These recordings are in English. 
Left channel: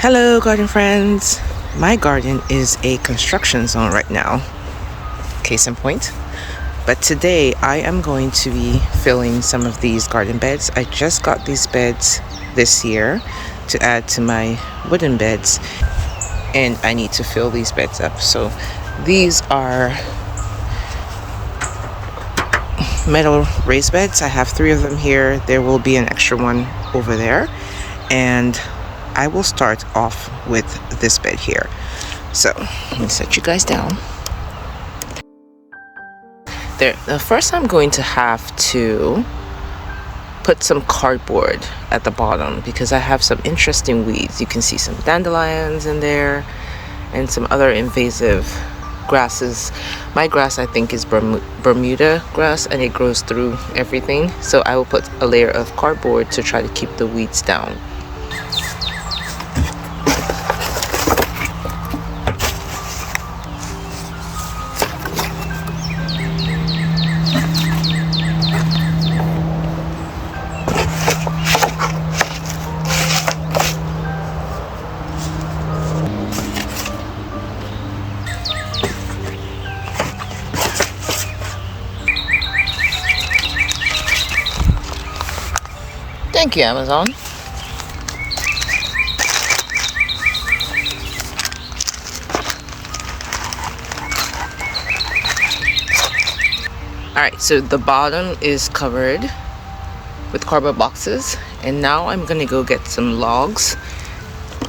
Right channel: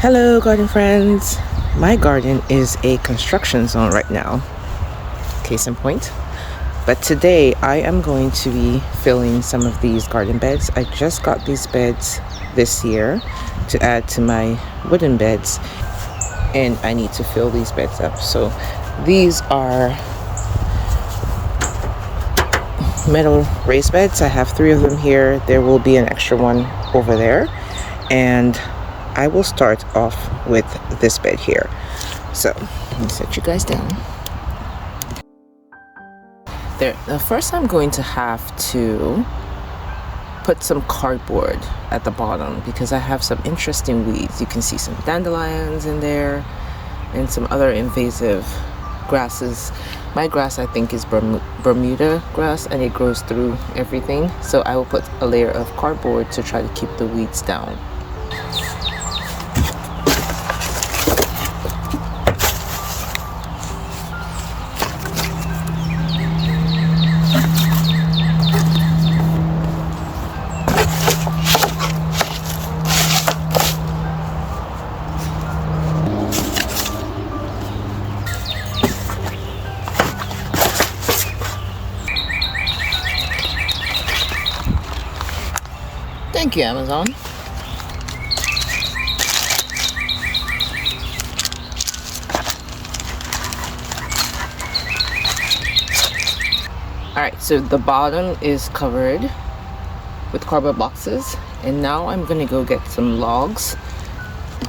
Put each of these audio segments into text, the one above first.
Hello, garden friends. My garden is a construction zone right now, case in point. But today I am going to be filling some of these garden beds. I just got these beds this year to add to my wooden beds, and I need to fill these beds up. So these are metal raised beds. I have 3 of them here. There will be an extra one over there, and I will start off with this bed here. So let me set you guys down. There, first I'm going to have to put some cardboard at the bottom because I have some interesting weeds. You can see some dandelions in there and some other invasive grasses. My grass, I think, is Bermuda grass, and it grows through everything. So I will put a layer of cardboard to try to keep the weeds down. Thank you, Amazon. Alright, so the bottom is covered with cardboard boxes, and now I'm gonna go get some logs.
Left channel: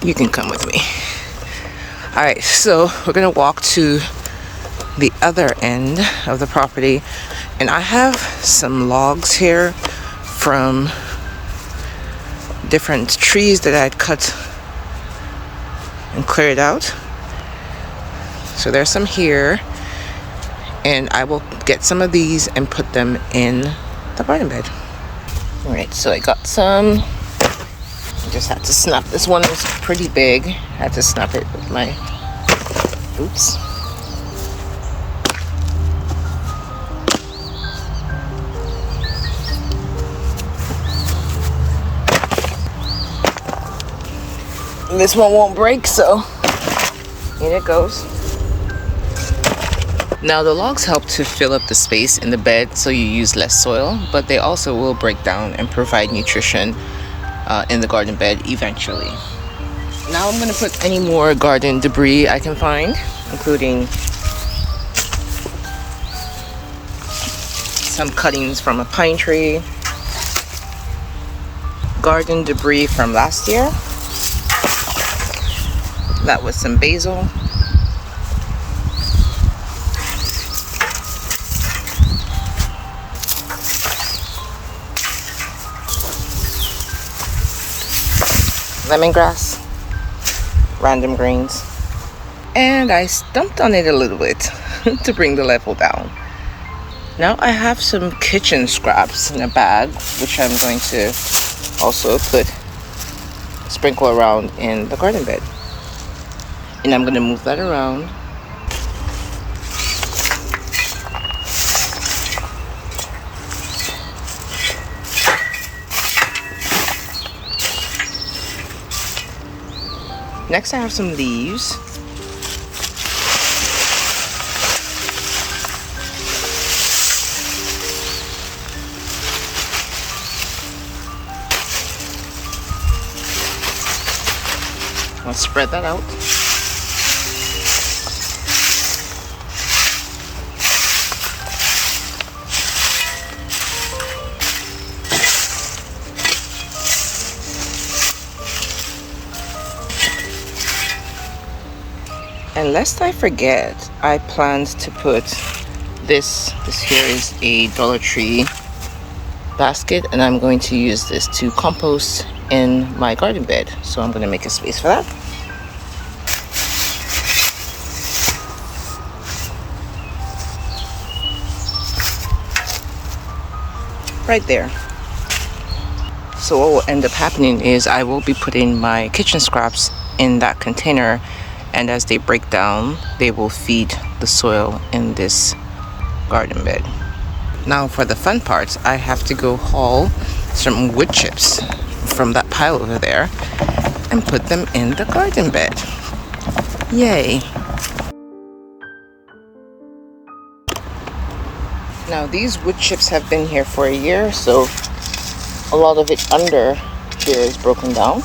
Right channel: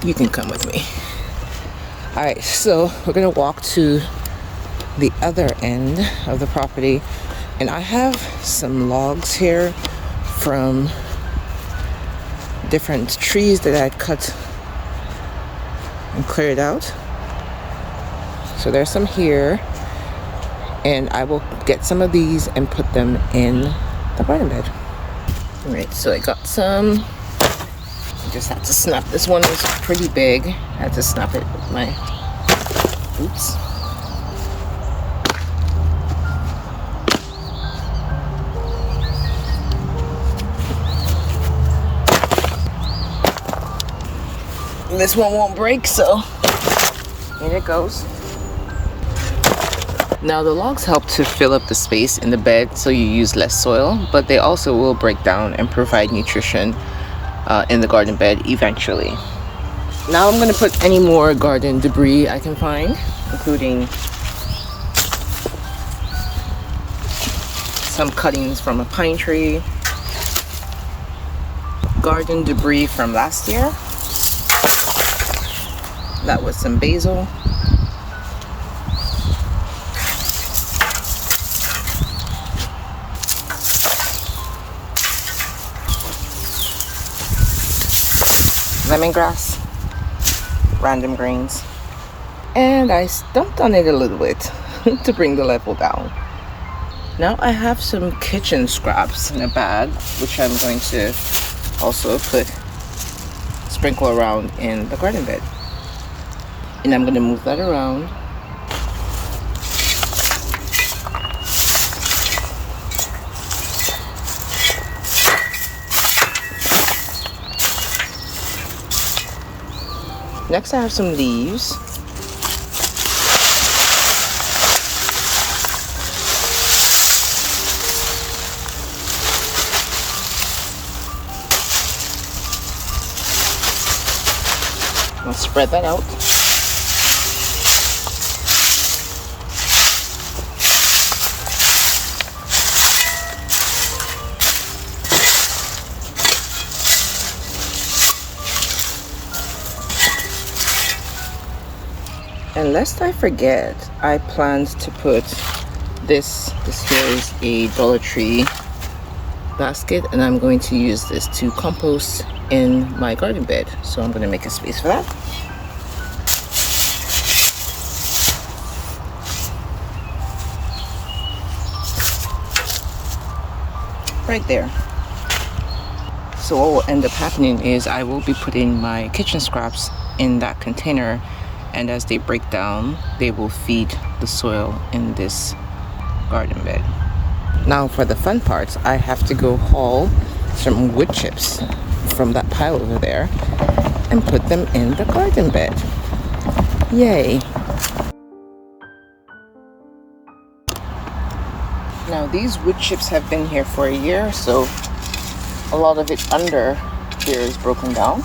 You can come with me. Alright, so we're gonna walk to the other end of the property, and I have some logs here from different trees that I had cut and cleared out. So there's some here, and I will get some of these and put them in the garden bed. All right, so I got some. I just had to snap. This one is pretty big. I had to snap it with my, oops. This one won't break, so in it goes. Now the logs help to fill up the space in the bed so you use less soil, but they also will break down and provide nutrition in the garden bed eventually. Now I'm going to put any more garden debris I can find, including some cuttings from a pine tree, garden debris from last year. That was some basil. Lemongrass. Random greens. And I stumped on it a little bit to bring the level down. Now I have some kitchen scraps in a bag, which I'm going to also sprinkle around in the garden bed. And I'm going to move that around. Next I have some leaves. I'll spread that out. And lest I forget, I planned to put this here is a Dollar Tree basket, and I'm going to use this to compost in my garden bed. So I'm going to make a space for that. Right there. So what will end up happening is I will be putting my kitchen scraps in that container, and as they break down, they will feed the soil in this garden bed. Now for the fun part, I have to go haul some wood chips from that pile over there, and put them in the garden bed. Yay. Now these wood chips have been here for a year, so a lot of it under here is broken down.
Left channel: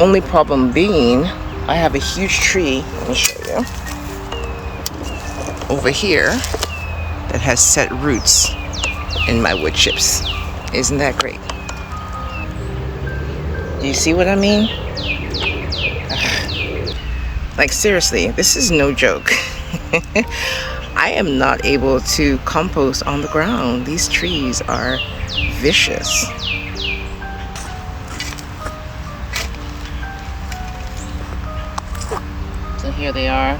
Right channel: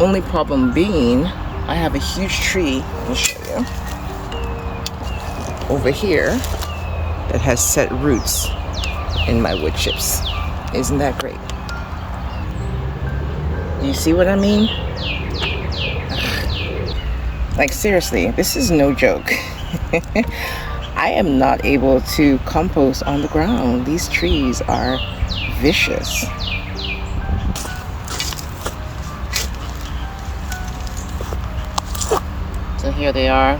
Only problem being, I have a huge tree, let me show you, over here that has set roots in my wood chips. Isn't that great? Do you see what I mean? Like seriously, this is no joke. I am not able to compost on the ground. These trees are vicious. So here they are,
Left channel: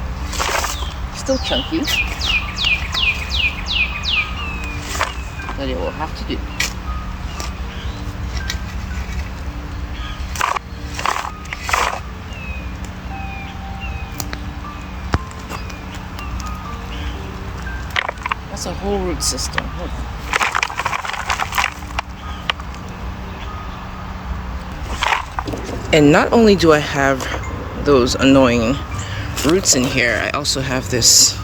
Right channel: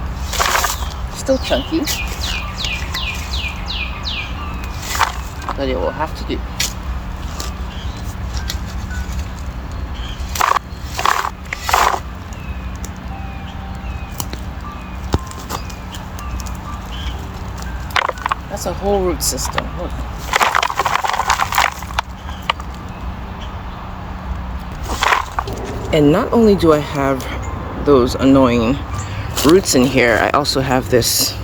still chunky, but it will have to do. That's a whole root system. Look. And not only do I have those annoying roots in here, I also have this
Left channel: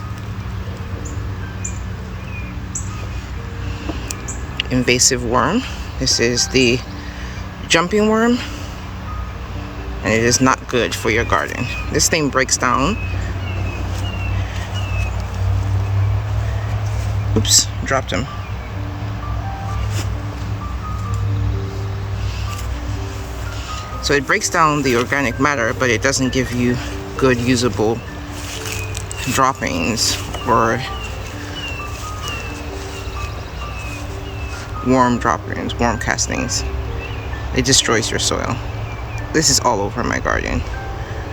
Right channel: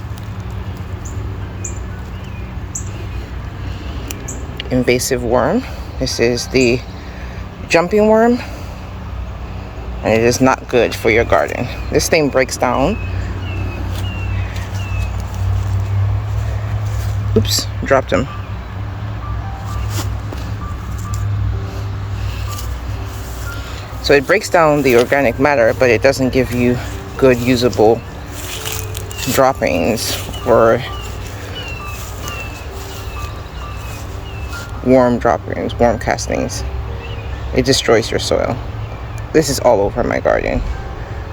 invasive worm. This is the jumping worm, and it is not good for your garden. This thing breaks down. Oops, dropped him. So it breaks down the organic matter, but it doesn't give you good usable droppings or worm droppings, worm castings. It destroys your soil. This is all over my garden.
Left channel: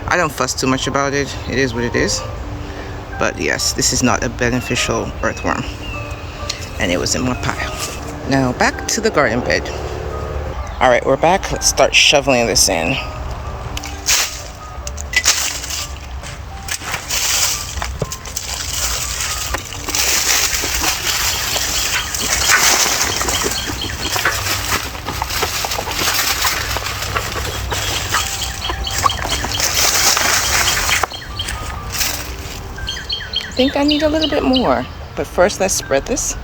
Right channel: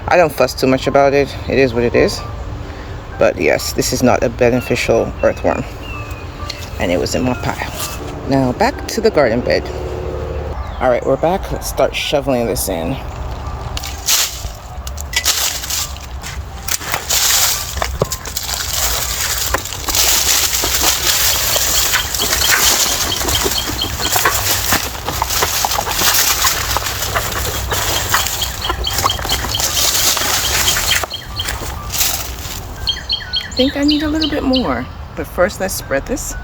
I don't fuss too much about it. It is what it is. But yes, this is not a beneficial earthworm. And it was in my pile. Now back to the garden bed. All right, we're back. Let's start shoveling this in. I think I need a little bit more, but first let's spread this.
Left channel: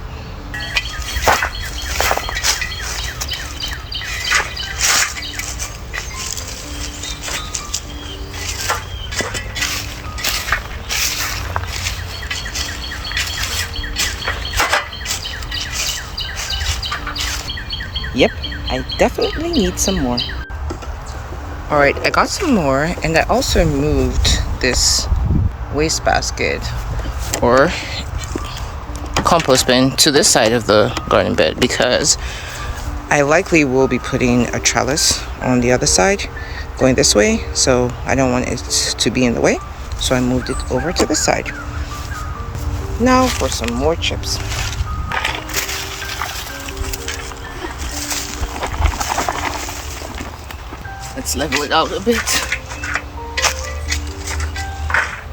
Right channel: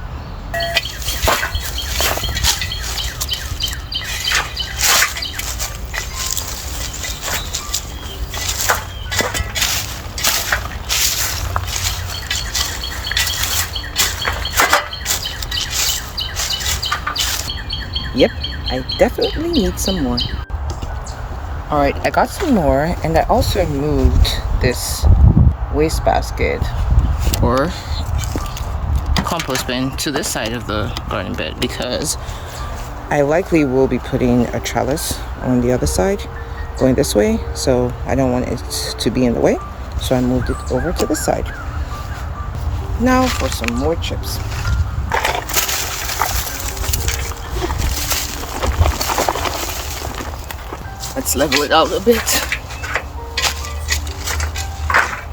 Yep, I definitely need some more. All right, I got some more, and I also moved this wastebasket or compost bin to this side of the garden bed because I likely will be putting a trellis on the other side going this way, so I don't want it to be in the way, so I moved it over to this side. Now for some more chips. Let's level it out a bit.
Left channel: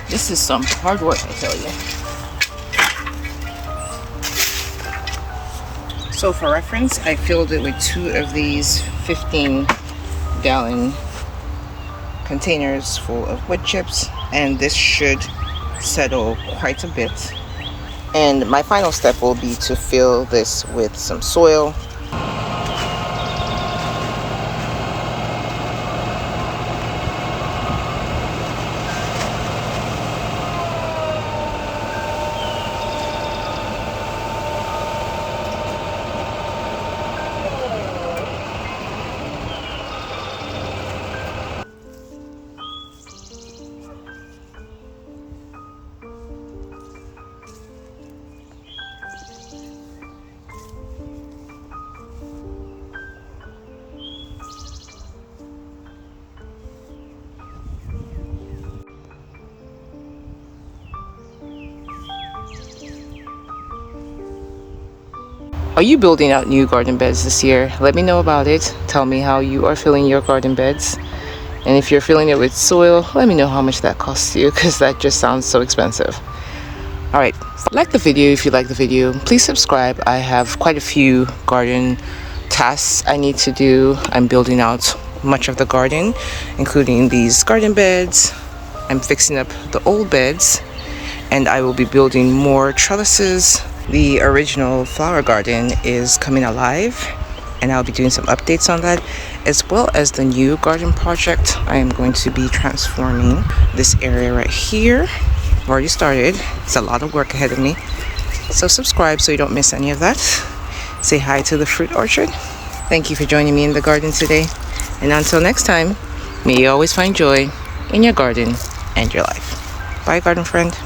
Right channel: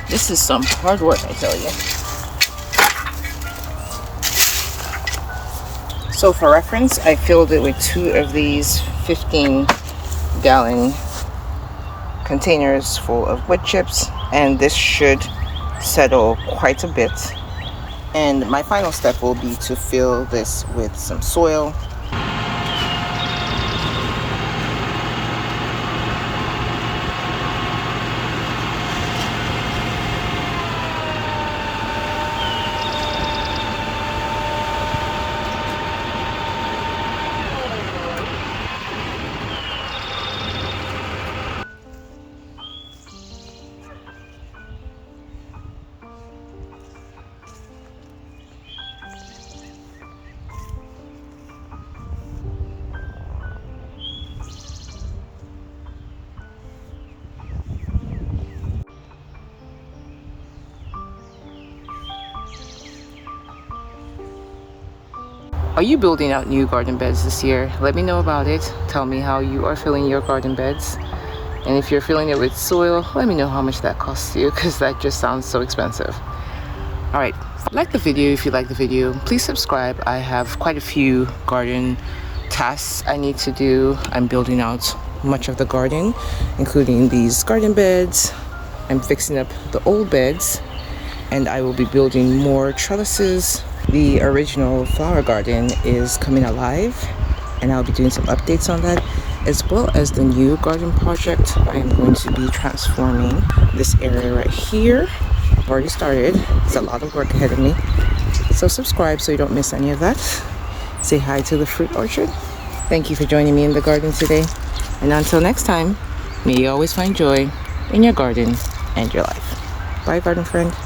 This is some hard work, I tell you. So for reference, I filled it with 2 of these 15-gallon containers full of wood chips, and this should settle quite a bit. And my final step will be to fill this with some soil. Are you building out new garden beds this year? Let me know about it. Tell me how you are filling your garden beds. And if you're filling it with soil, let me know how much that costs you, because that just sounds so expensive. All right, like the video if you like the video. Please subscribe. I have quite a few garden tasks I need to do. I'm building out much of the garden, including these garden beds. I'm fixing up the old beds, and I will be building more trellises. The original flower garden is coming alive, and I'll be doing some updates on that, as well as the new garden project. I am going to be transforming this area right here. I've already started. It's a lot of work ahead of me. So subscribe so you don't miss any of that. Say hi to the fruit orchard. Thank you for joining me in the garden today. And until next time, may you always find joy in your garden and your life. Bye, garden friend.